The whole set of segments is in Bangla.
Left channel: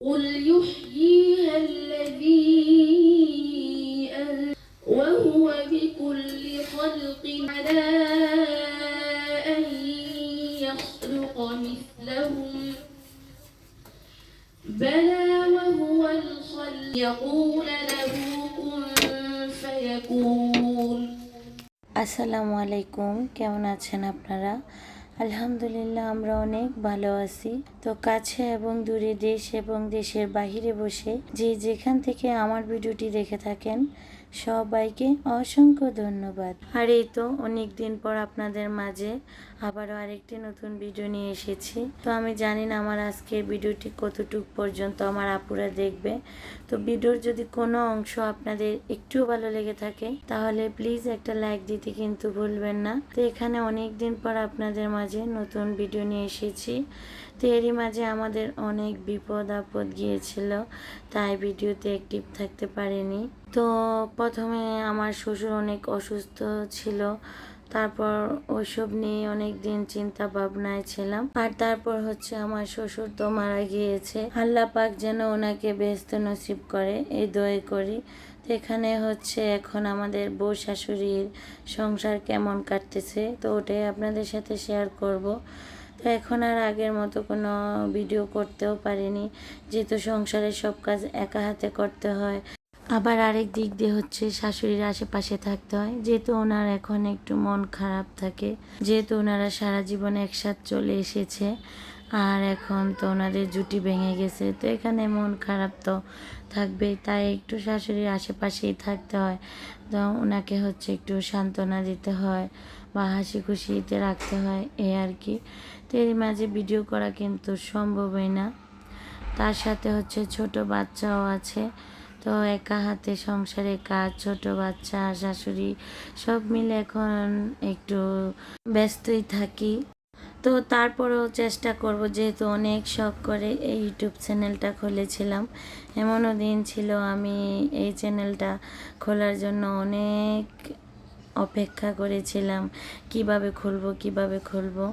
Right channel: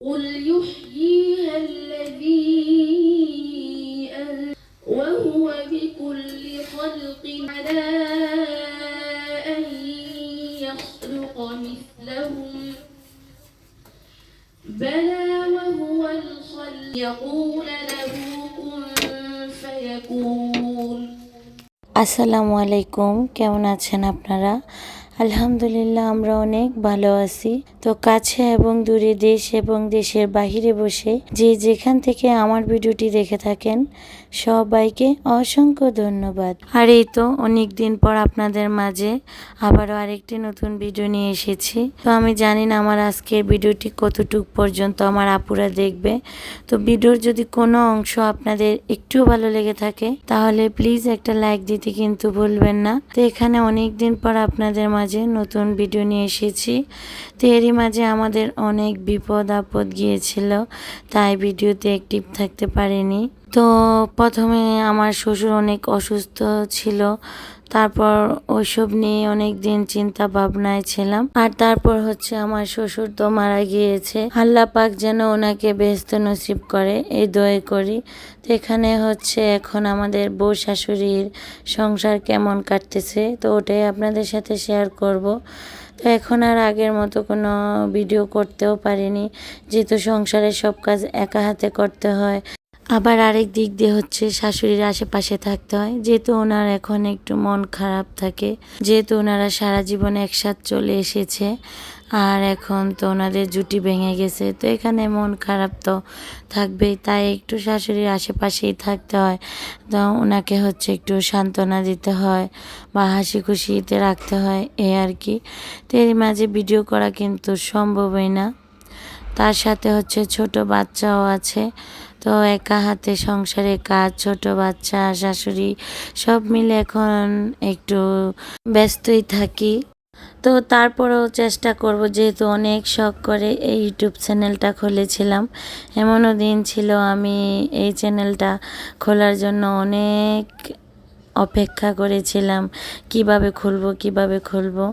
قل يحييها الذي أن- وهو بكل خلق على أن يخلق مثلهم بلى وهو الخلق يقول له كن فيكون আসসালামু আলাইকুম কেমন আছেন আপনারা আলহামদুলিল্লাহ, আমরা অনেক ভালো আছি। তো কাছে এবং দূরে দেশ এবং দেশের বাহিরে বসে যে যেখান থেকে আমার ভিডিওটি দেখে থাকেন সবাইকে অসংখ্য ধন্যবাদ। আর এই তো অনেক দিন পর আপনাদের মাঝে আবারও আরেকটি নতুন ভিডিও নিয়ে এসেছি। তো আমি জানি না আমার আজকের ভিডিওটি কতটুক পর্যন্ত আমার আপুরা দেখবে। তো ভিডিওর যদি কোনো অংশ আপনাদের একটু ভালো লেগে থাকে, তাহলে প্লিজ একটা লাইক দিতে কিন্তু ভুলবেন না। তো এখানে অনেক দিন পর আপনাদের মাঝে নতুন ভিডিও নিয়ে এসেছি। তো এরই মাঝে আমাদের অনেক বিপদ আপদ গিয়েছিল, তাই ভিডিওতে অ্যাক্টিভ থাকতে পারিনি। তো প্রথমে আমার শ্বশুর অনেক অসুস্থ ছিল। তারপর ওইসব নিয়ে অনেক দিন চিন্তা ভাবনায় ছিলাম। আর তারপর হচ্ছে আমার শ্বশুর তো মারা গিয়েছে। আল্লাহ পাক যেন ওনাকে বেহেস্ত নসিব করে, এই দয়ে করি। তো এখানে হচ্ছে এখন আমাদের বউ শাশুড়ির সংসার কেমন কাটতেছে, তো ওটাই আপনাদের সাথে শেয়ার করব। তো এখন আর আগের মতো কোনো ভিডিও করতেও পারিনি। যেহেতু সংসারের সব কাজ একা হাতে করতে হয় আবার আরেক দিক দিয়ে হচ্ছে শাশুড়ির আশেপাশে থাকতে হয়। যেহেতু ওনার এখন একটু মন খারাপ থাকে, যেহেতু ওনারা সারা জীবন একসাথে চলে এসেছে, আর এখন তো ওনাদের জুটি ভেঙে গেছে, তো এখানে মন খারাপ তো থাকবেই। তাই একটু শাশুড়ির আশেপাশেই থাকতে হয়। তো ওনাকে হচ্ছে একটু সান্ত্বনা দিতে হয় বা হাসি খুশিতে রাখতে হয় এই আর কি। তো এর মাঝে ভিডিও করা কিন্তু সম্ভবই না। তার সাথে হচ্ছে ছোট বাচ্চাও আছে। তো একা হাতে সংসারে কাজ, ছোট বাচ্চা, শাশুড়ি সব মিলে এখন একটু ব্যস্তই থাকি। তো তারপরেও চেষ্টা করব, যেহেতু অনেক শখ করে এই ইউটিউব চ্যানেলটা খুলেছিলাম। এমনও দিন ছিল আমি এই চ্যানেলটা খোলার জন্য অনেক অপেক্ষা করেছিলাম, কীভাবে খুলবো কীভাবে খুলবো।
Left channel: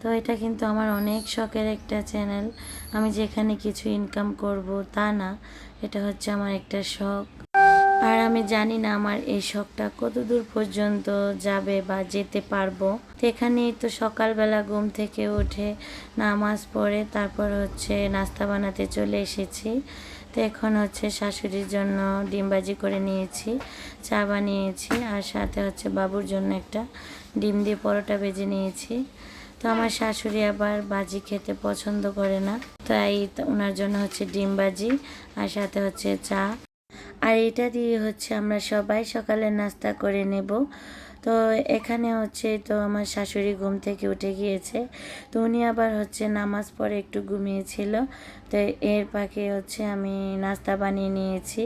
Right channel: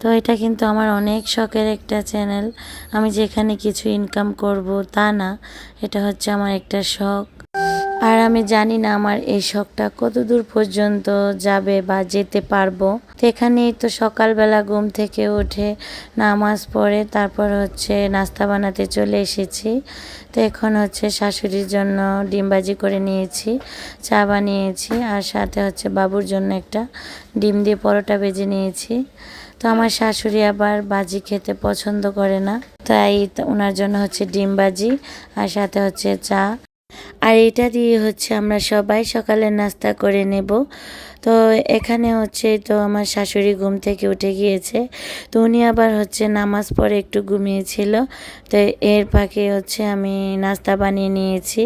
তো এটা কিন্তু আমার অনেক শখের একটা চ্যানেল আমি যেখানে কিছু ইনকাম করব তা না, এটা হচ্ছে আমার একটা শখ. আর আমি জানি না আমার এই শখটা কতদূর পর্যন্ত যাবে বা যেতে পারব। তো এখানেই তো সকালবেলা ঘুম থেকে উঠে নামাজ পড়ে, তারপর হচ্ছে নাস্তা বানাতে চলে এসেছি। তো এখন হচ্ছে শাশুড়ির জন্য ডিমবাজি করে নিয়েছি, চা বানিয়েছি, আর সাথে হচ্ছে বাবুর জন্য একটা ডিম দিয়ে পরোটা ভেজে নিয়েছি। তো আমার শাশুড়ি আবার বাজি খেতে পছন্দ করে না। তাই ওনার জন্য হচ্ছে ডিম বাজি আর সাথে হচ্ছে চা। আর এটা দিয়ে হচ্ছে আমরা সবাই সকালে নাস্তা করে নেব। তো এখানে হচ্ছে তো আমার শাশুড়ি ঘুম থেকে উঠে গিয়েছে। তো উনি আবার হচ্ছে নামাজ পড়ে একটু ঘুমিয়েছিল। তো এর পাখি হচ্ছে আমি নাস্তা বানিয়ে নিয়েছি।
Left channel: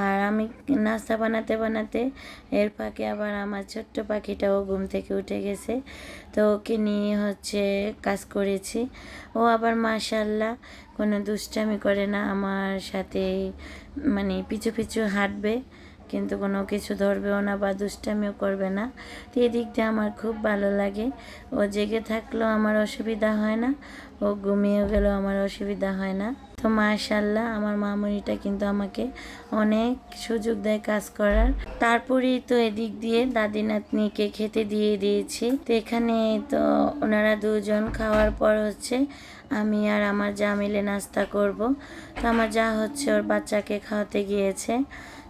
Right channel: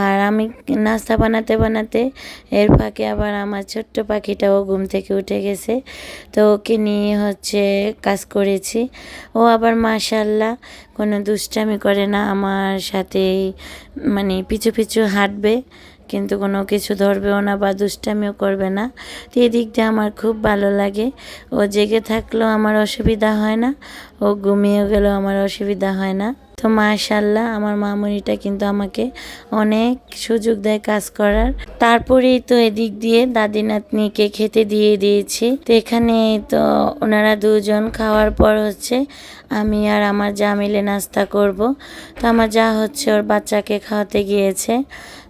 আর আমি নাস্তা বানাতে বানাতে এর ফাঁকে আবার আমার ছোট্ট পাখিটাও ঘুম থেকে উঠে গেছে। তো ওকে নিয়ে হচ্ছে কাজ করেছি। ও আবার মাশাল্লাহ কোনো দুষ্টামি করে না। আমার সাথেই মানে পিছু পিছু হাঁটবে। কিন্তু কোনো কিছু ধরবেও না বা দুষ্টামিও করবে না। তো এদিক দিয়ে আমার খুব ভালো লাগে। ও জেগে থাকলেও আমার অসুবিধা হয় না। ও ঘুমিয়ে গেলেও আমার অসুবিধা হয় না। তো মাশাল্লাহ আমার মামুনিটা কিন্তু আমাকে অনেক সুযোগ দেয় কাজ করার। তারপরেই তো এদিক দিয়ে দাদি নাতনিকে খেতে দিয়ে দিয়েছি। তো এখানে তো ওনারা দুজন খাওয়ার পর হচ্ছে আমি আর আমার যা মিলে নাস্তা করব। তো আমার যা হচ্ছে ওর বাচ্চাকে খাওয়াতে গিয়েছে।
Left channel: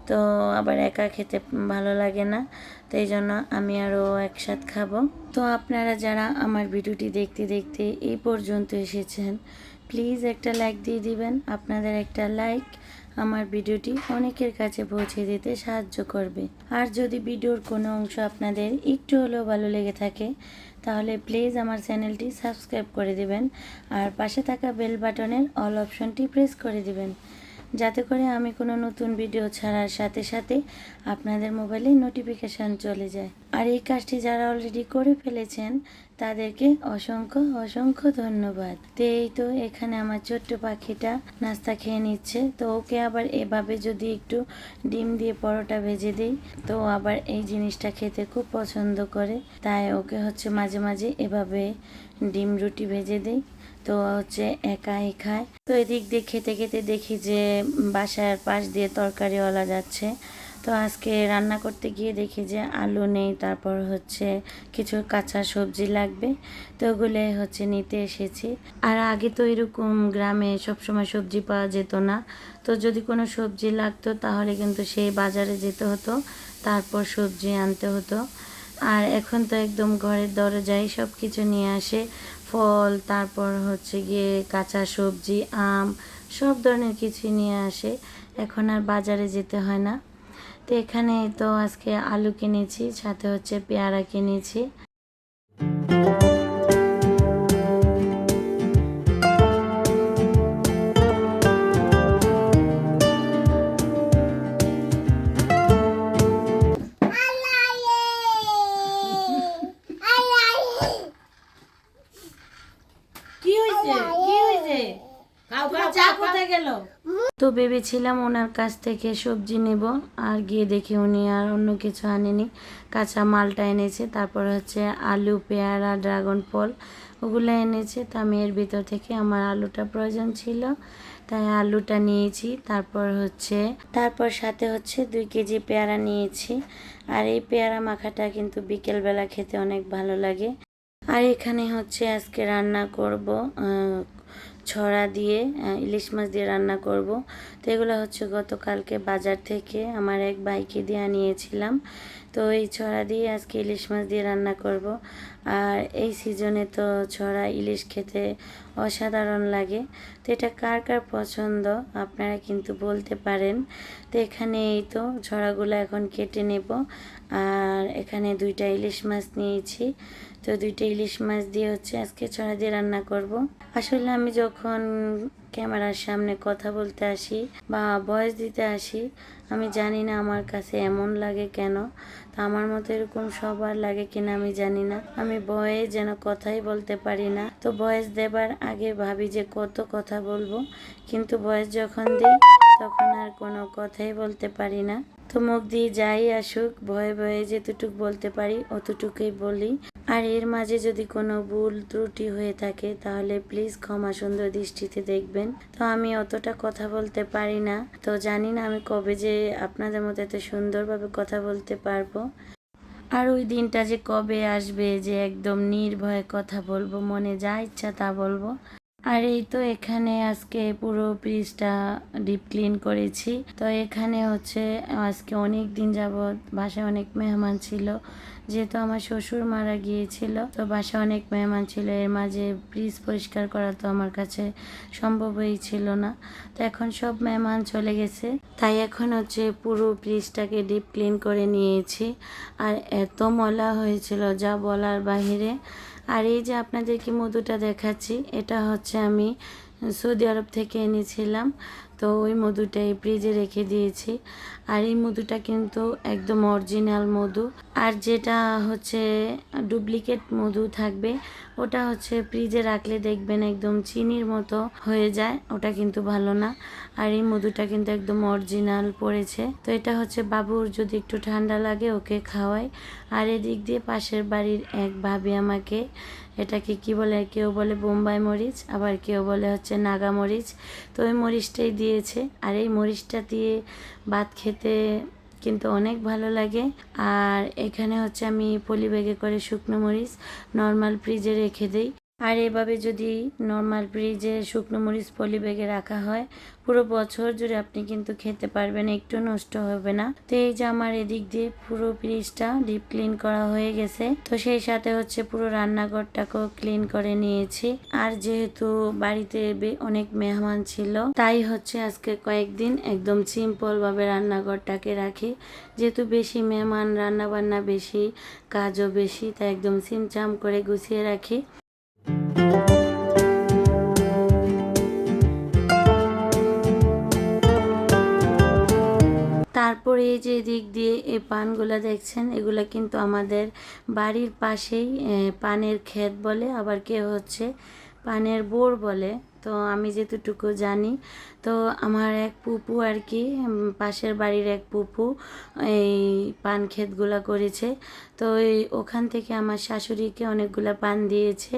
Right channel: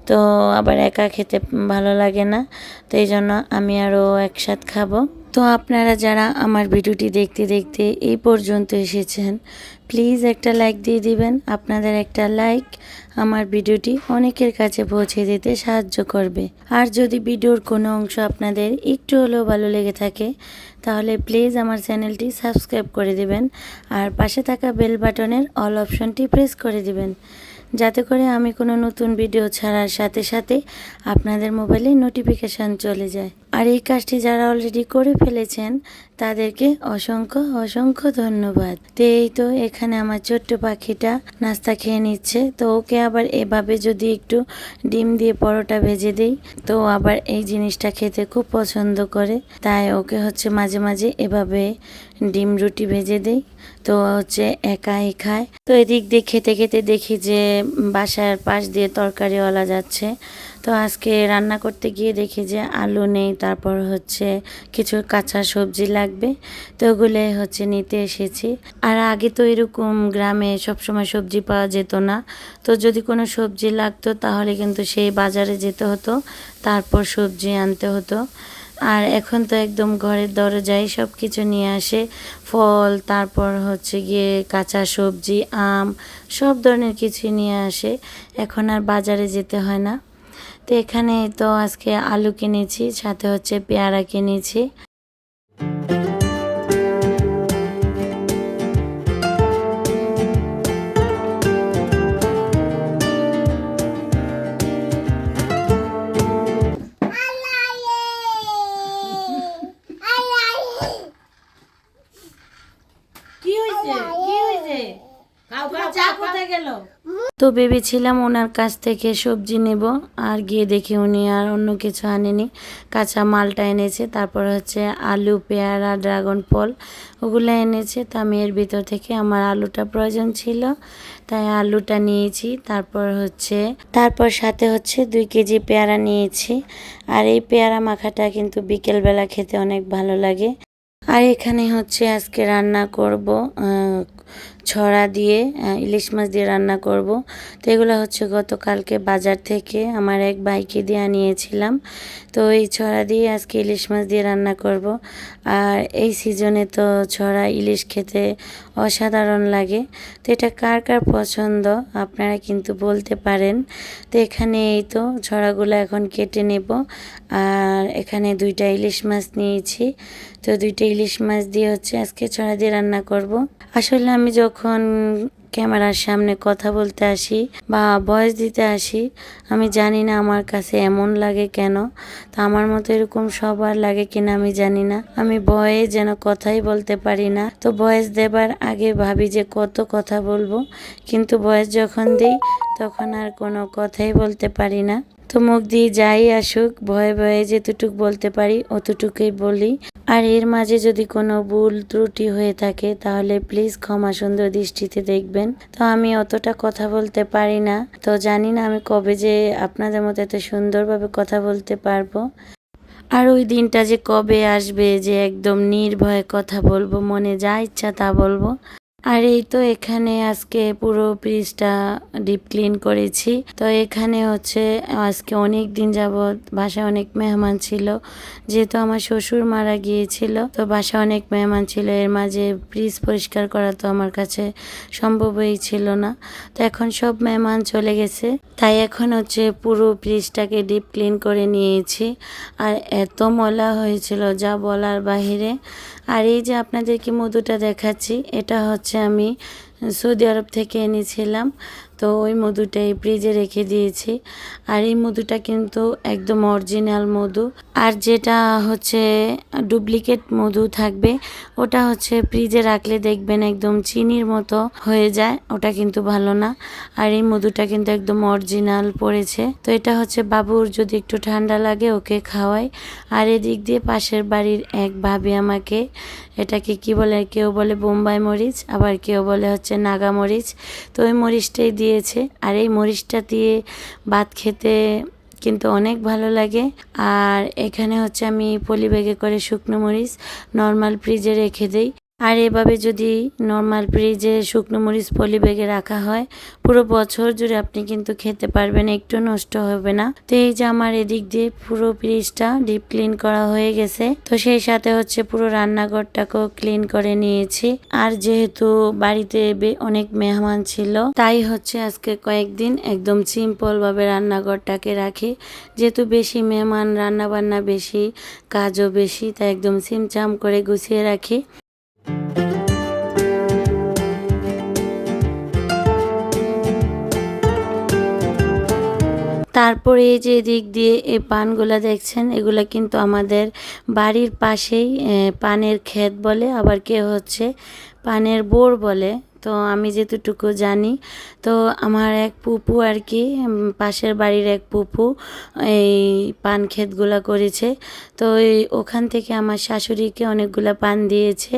তো আবার একা খেতে ভালো লাগে না, তো এই জন্য আমি আরও একসাথ খাব। তো আপনারা যারা আমার ভিডিওটি দেখতে দেখতে এই পর্যন্ত এসেছেন প্লিজ একটা লাইক দিয়ে দিবেন। আপনাদের একটা লাইক আমার ভিডিওটি অনেকের কাছে পৌঁছে দিতে সাহায্য করবে। আর যদি ভিডিওর কোনো অংশ আপনাদের একটু হলেও ভালো লেগে থাকে, তাহলে প্লিজ আমার চ্যানেলটি সাবস্ক্রাইব করে দিবেন। আর পাশে থাকা বেল বাটনের অল অপশনটি প্রেস করে দিবেন। যাতে করে আমি কোনো নতুন ভিডিও ছাড়ার সাথে সাথে আপনাদের মোবাইলে নোটিফিকেশান চলে যায়। আর এই কাজটি যারা অলরেডি করে ফেলেছেন তাদেরকে অসংখ্য অসংখ্য ধন্যবাদ। তো, এই তো এখানে আমার ছোট্ট পাখিটা নাস্তা খেয়ে নিচ্ছে। তো ওকে আবার এভাবে যদি একটু ডিম দিয়ে পরোটা ভেজে দিই, তো আবার এই জিনিসটা খেতে খুব পছন্দ করে। তাই ওকে হচ্ছে মাঝে মাঝে এভাবে ডিম রুটি ভেজে দিই। তো হচ্ছে একাই খায়। তো এদিক দিয়ে খেতে খেতে দেখি যে বাসার পাশ দিয়ে তরকারিওয়ালা যাচ্ছে। তো আজকে রান্না করতে গিয়ে দেখি যে আলু নেই, তারপর হচ্ছে কিছু কাঁচা সবজি লাগবে, তো ওগুলো হচ্ছে নিতে এসেছি। আর আগে তো এরকম গ্রামে সবসময় সবজি পাওয়া যেত না, তো যদি কোনো সবজি লাগতো তাহলে কিন্তু সেই বাজারে যেতে হতো, তারপর সবজি আনতে হতো। আর এখন তো একদম ঘরের দরজায় সব কিছু নিয়ে আসে, ফল, তারপর হচ্ছে গিয়ে কাঁচা সবজি, আম, সব ধরনের কিছুই নিয়ে আসে। এখন আর বাজারে যেতে হয় না। তো এখানে তো আজকে আলু কিনেছি, সাথে হচ্ছে পেয়ারা কিনেছি। কি হয়েছে কি হয়েছে কাউ চা কোথায় গেল? তো ভেবেছিলাম ওনার কাছ থেকে সবজি নেব আর গিয়ে দেখি উনি আর অন্য কিছু আনেনি। কাঁচা মালটা এনেছে, তারপর হচ্ছে আলু, পেয়ারা, ড্রাগন ফল ওগুলো এনেছে। তা আমি এর ভিতর থেকে আমার আলুটা প্রয়োজন ছিল, তাই আলুটা নিয়েছি। তারপর হচ্ছে, তারপর সাথে হচ্ছে দুই কেজি পেয়ারা নিয়েছি। আর এই পেয়ারা মাখাটা কিন্তু বিকেলবেলা খেতে অনেক ভালো লাগে। আর এখানে হচ্ছে আজকে রান্না করব ছড়া দিয়ে ইলিশ মাছ দিয়ে রান্না করব। তো এগুলো হচ্ছে গতকালকে বাজার থেকে আমার এক ভাইকে দিয়ে আনিয়েছিলাম। তো এই ছড়া দিয়ে আজকে ইলিশ মাছ দিয়ে রান্না করব। আর এই সিজনে তো ছড়া ইলিশ খেতে অসাধারণ লাগে। তো এটা কার কার পছন্দ আপনারা কিন্তু বলতে পারেন। তো এখানে এই তো ছড়াগুলো এখন কেটে নেব। আর এখানে দুইটা ইলিশ মাছ নিয়েছি। তো দুইটা ইলিশ মাছ দিয়ে হচ্ছে আজকে ছড়া দিয়ে রান্না করব। আসলে আমি যখন ক্যামেরার সামনে কথা বলতে আসি বা ভয়েস দিতে আসি, আমি জানি না আমার কাছে এমন লাগে কেন। তা আমার মতো এরকম সবার লাগে কিনা আমি জানি না। আমি ভয়ে যেন কথাই বলতে পারি না। তো ভয়েস দেবার আগে ভাবি যে কত কথা বলব। কিন্তু ভয়েস যখন দিই, তখন আর কোনো কথাই বলতে পারি না। তো মুখ দিয়ে যাই আসুক, ভয়ে ভয়ে যেতটুক বলতে পারি অতটুকুই বলি। আর এর মাঝে যদি কোনো ভুল ত্রুটি হয়ে থাকে, তাহলে প্লিজ ক্ষমা সুন্দর দৃষ্টিতে দেখবেন। তো আমি অতটা কথা বলতে পারি না। তো জানি না আমি কবে যে আপনাদের মতো এত সুন্দরভাবে কথা বলতে পারব। আর ওই দিনটা যে কবে আসবে, যে একদম নির্ভয়ে কথা বলব, মনে যা ইচ্ছা তা বলব। আর এই তো এখানে আজকে পুরো পিসটা ডিপ ক্লিন করেছি। তো এখানে হচ্ছে আজকে অনেক দিন যাবৎ বাসায় অনেক মেহমান ছিল, যেহেতু আমার শ্বশুর মারা গিয়েছিল, তো বাসায় অনেক মেহমান ছিল, এর মাঝে ফ্রিজ পরিষ্কার করা তো আমার কাছে সম্ভবই ছিল না। তো এখন সব মেহমান চলে গেছে, তাই এখন হচ্ছে পুরো ফ্রিজটাকে ডিপ ক্লিন করে নিয়েছি। আর এত মলা হয়েছিল, যা বলার বাহিরে। আর এই যে আপনাদেরকে মধুটা দেখাচ্ছি এটা হচ্ছে আমি সৌদি আরব থেকে এনেছিলাম। তো ওই মধুটাই ফ্রিজে রেখে দিয়েছি। আর এই মধুটা কিন্তু একদম অরিজিনাল মধু। আর যেটা হচ্ছে ডুপ্লিকেট মধু থাকবে, ওটা হচ্ছে ফ্রিজে রাখলে দেখবেন একদম চিনির মতো হয়ে যায়, ওটা কিন্তু ভালো না। আর এই মধুটা কিন্তু একদম অরিজিনাল পড়েছে। তো এটা হচ্ছে বাবুর যদি একটু ঠান্ডা লাগে ওকে খাওয়াই। আর এদিক দিয়ে পাশের বাড়ির এক ভাবি আমাকে এটাকে কি বলে কেউ বলে বোম্বাই মরিচ, আবার কেউ বলে হচ্ছে নাগা মরিচ। তো ওই মরিচটাই দিয়েছে। আর এই মরিচটা দিয়ে ভাত খেতে কিন্তু অনেক ভালো লাগে। আর এখানে হচ্ছে আমি পলি ব্যাগে করে শুকনো মরিচ নর্মাল ফ্রিজে রেখে দিই। আর এভাবে যদি নর্মাল ফ্রিজে শুকনো মরিচ পলি ব্যাগে রাখা হয়, পুরো বছর জুড়ে আপনি কিন্তু খেতে পারবেন, একটু নষ্ট হবে না। তো এই যে আমার এদিক দিয়ে পুরো ফ্রিজটা ডিপ ক্লিন করা হয়ে গেছে, তো সেই সাথে হচ্ছে পুরো রান্নাঘরটাকেও ক্লিন করে নিয়েছি। আর যেহেতু বাড়িতে অনেক মেহমান ছিল, তাই হচ্ছে আজকে কয়েকদিন একদম সিম্পল ভাবে রান্নাঘরটাকে রাখি। যেহেতু বেশি মেহমান রান্না বান্না বেশি, কাজও বেশি, তাই একদম সিমচাম করে গুছিয়ে রাখি। তারপরে এই যে দিক দিয়ে এই পানগুলা দেখছেন, এগুলা কিন্তু আমাদের বাড়ির পাশেই পানের ক্ষেত বলে, আবার কে হচ্ছে পানের বোর বলে। তো আমি যেতটুকু জানি, তো আমার এক পুপু আর কি পাশের বাড়ির এক পুপু, এই পান ক্ষেতগুলা করেছে। তো ওখান থেকে আমার শাশুড়িকে অনেকগুলা পান দিয়েছে।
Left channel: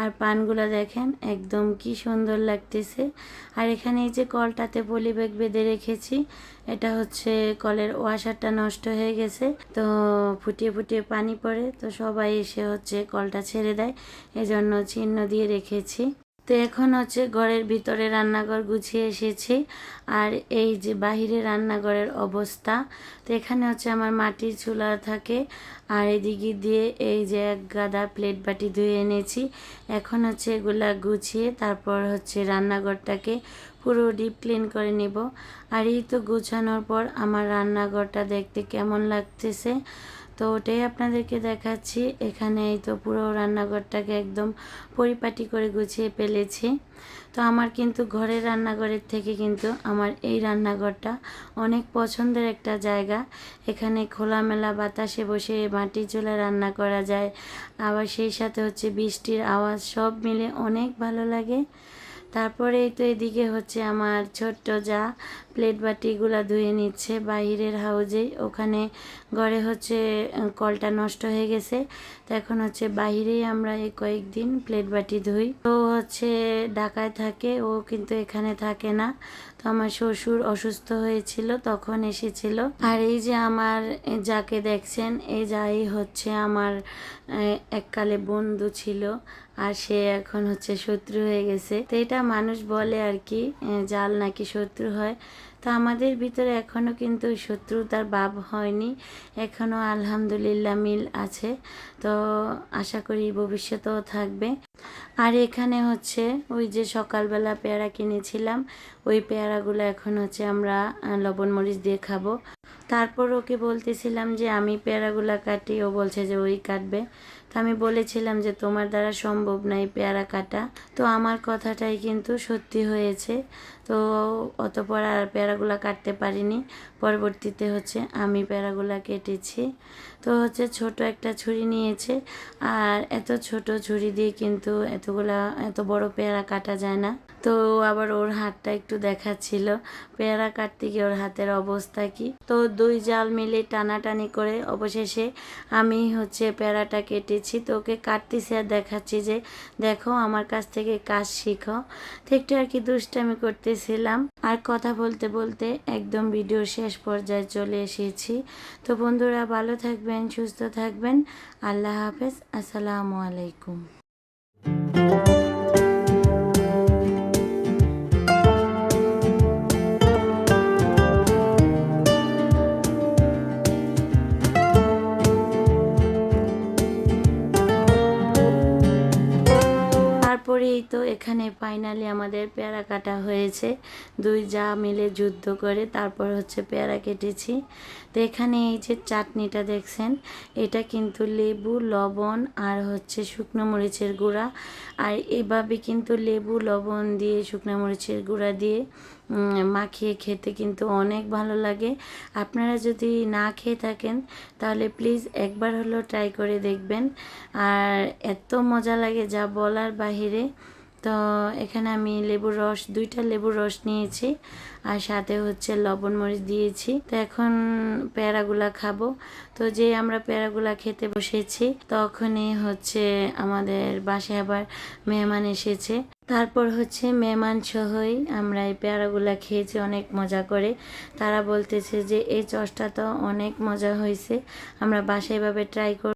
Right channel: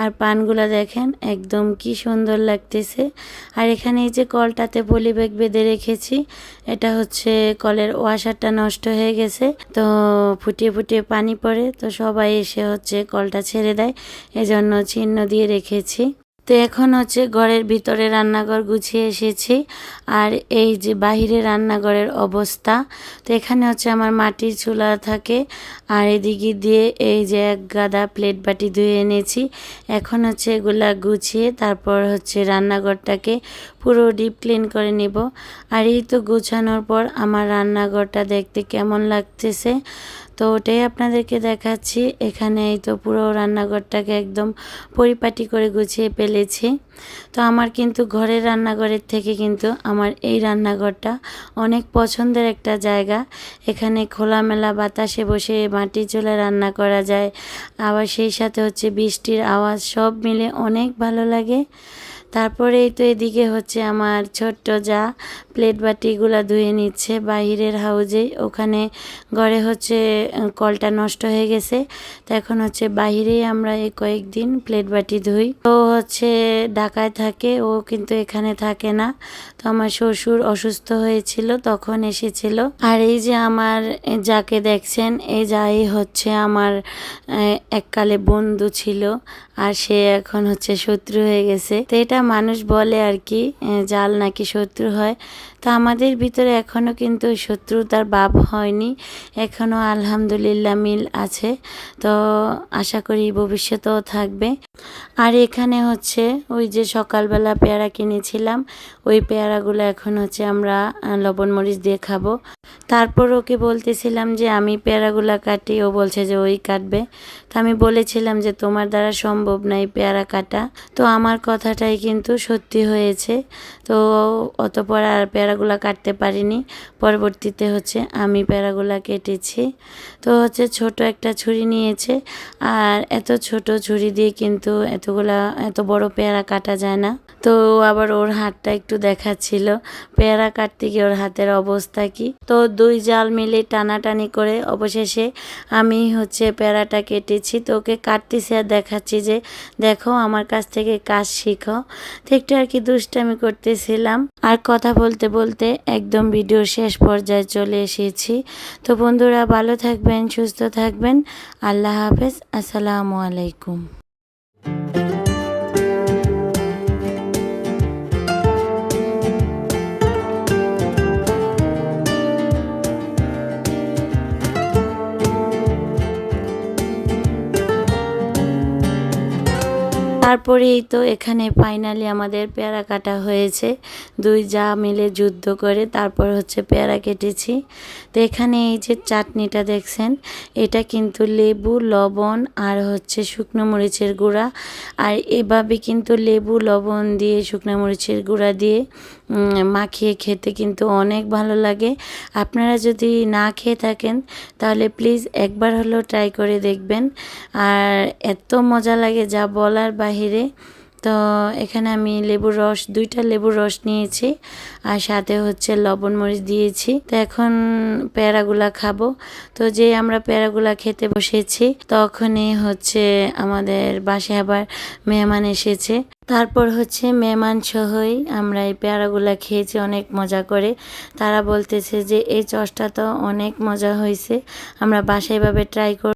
আর পানগুলা দেখেন একদম কি সুন্দর লাগতেছে। আর এখানে এই যে কলটাতে পলি ব্যাগ বেঁধে রেখেছি, এটা হচ্ছে কলের ওয়াশারটা নষ্ট হয়ে গেছে। তো ফুটিয়ে ফুটিয়ে পানি পড়ে, তো সবাই এসে হচ্ছে কলটা ছেড়ে দেয়। এজন্য চিহ্ন দিয়ে রেখেছি। তো এখন হচ্ছে ঘরের ভিতরে রান্নাঘর গুছিয়ে এসেছি। আর এই যে বাহিরে রান্নাঘরের অবস্থা, তো এখানে হচ্ছে আমার মাটির চুলা থাকে। আর এদিকে দিয়ে এই যে এক গাদা প্লেট বাটি ধুয়ে এনেছি। এখন হচ্ছে এগুলা গুছিয়ে তারপর হচ্ছে রান্নাঘরটাকে পুরো ডিপ ক্লিন করে নিব। আর এই তো গুছানোর পর আমার রান্নাঘরটা দেখতে কেমন লাগতেছে। তো ওটাই আপনাদেরকে দেখাচ্ছি। এখানে এই তো পুরো রান্নাঘরটাকে একদম পরিপাটি করে গুছিয়ে ফেলেছি। তো আমার কিন্তু ঘরের রান্নাঘরের থেকে কিন্তু আমার এই রান্নাঘরটা অনেক পছন্দের একটা জায়গা। এখানে খোলামেলা বাতাসে বসে মাটি চুলায় রান্না করা যায়। আবার সেই সাথে হচ্ছে বৃষ্টির আওয়াজ সব মিলে অনেক ভালো লাগে। তারপরে এই তো এদিকে হচ্ছে আমার ছোট্ট যা প্লেট বাটিগুলো ধুয়ে নিচ্ছে বাহিরের হাউজে ওখানে ঘরে হচ্ছে কলটা নষ্ট হয়ে গেছে। তো এখন হচ্ছে বাহিরেই আমরা এই কয়েকদিন প্লেট বাটি ধুই। ও হচ্ছে ঢাকায় থাকে, ও কিন্তু এখানে থাকে না। আমার শ্বশুর অসুস্থ হয়েছিল, তখন এসেছিল। আর এই যে আমার যাকে দেখছেন এই যাই হচ্ছে আমার এককালে বন্ধু ছিল। আর সে এখন হচ্ছে শত্রু হয়ে গেছে। তো এটা মানুষ বলে আর কি জাল নাকি শত্রু হয়। তো আমাদের ভিতরে এখনও কিন্তু শত্রুতার ভাব হয়নি। এখনও আলহামদুলিল্লাহ মিল আছে। তো আশা করি ভবিষ্যতেও থাকবে। আর এখানে হচ্ছে ওই যে সকালবেলা পেয়ারা কিনেছিলাম, ওই পেয়ারাগুলো এখন হচ্ছে আমরা লবণ মরিচ দিয়ে খাব। তারপর ওকে বলতেছিলাম যে, আমি পেয়ারাগুলা কাটি। ও বলছে যে, ওই কাটবে। তো আমি বলেছিলাম যে, তোমার দ্বারা সম্ভব নয় পেয়ারা কাটা। তো আমার কথাটাই কিন্তু সত্যি হয়েছে। তো অতপর আর পেয়ারাগুলা কাটতে পারিনি। পরবর্তীতে হচ্ছে আমি প্যারাগুলা কেটেছি। তো হচ্ছে ছোট একটা ছুরি নিয়েছে। আর এত ছোট ছুরি দিয়ে কিন্তু এতগুলা, এত বড় পেয়ারা কাটা যায় না। তো আবার ওর হাতটা একটু দেখাচ্ছিল। পেয়ারা কাটতে গিয়ে ওর হাতের অবস্থা কি? তো দুই জাল মিলে টানাটানি করে অবশেষে আমি হচ্ছে পেয়ারাটা কেটেছি। তো ওকে কাটতেছি আর দেখাচ্ছি যে, দেখো, আমার কাছ থেকে কাজ শিখো। তো একটু আর কি দুষ্টামি করতেছিলাম। আর কথা বলতে বলতে একদম ভিডিও শেষ পর্যায়ে চলে এসেছি। তো বন্ধুরা, ভালো থাকবেন, সুস্থ থাকবেন। আল্লাহ হাফেজ। আসসালামু আলাইকুম। তারপরেই তো এখানে ফাইনালি আমাদের পেয়ারা কাটা হয়েছে। দুই যা মিলে যুদ্ধ করে তারপর হচ্ছে পেয়ারা কেটেছি। তো এখানে এই যে চাটনিটা দেখছেন, এটা কিন্তু লেবু, লবণ আর হচ্ছে শুকনো মরিচের গুঁড়া। আর এভাবে কিন্তু লেবু, লবণ দিয়ে শুকনো মরিচের গুঁড়া দিয়ে মাখিয়ে খেতে কিন্তু অনেক ভালো লাগে। আপনারা যদি না খেয়ে থাকেন, তাহলে প্লিজ একবার হলেও ট্রাই করে দেখবেন। আর এত মজা লাগে যা বলার বাহিরে। তো এখানে আমি লেবুর রস, দুইটা লেবুর রস নিয়েছি। আর সাথে হচ্ছে লবণ মরিচ দিয়েছি। তো এখন প্যারাগুলা খাব। তো যে আমরা প্যারাগুলা খেতে বসেছি, তখনই হচ্ছে আমাদের বাসায় আবার মেহমান এসেছে। তারপর হচ্ছে মেহমান সহই আমরা এই পেয়ারাগুলা খেয়েছি, অনেক মজা করে। তারা বলতেছে যে, এই চসটা তো অনেক মজা হয়েছে আমরা বাসায় এভাবে ট্রাই কর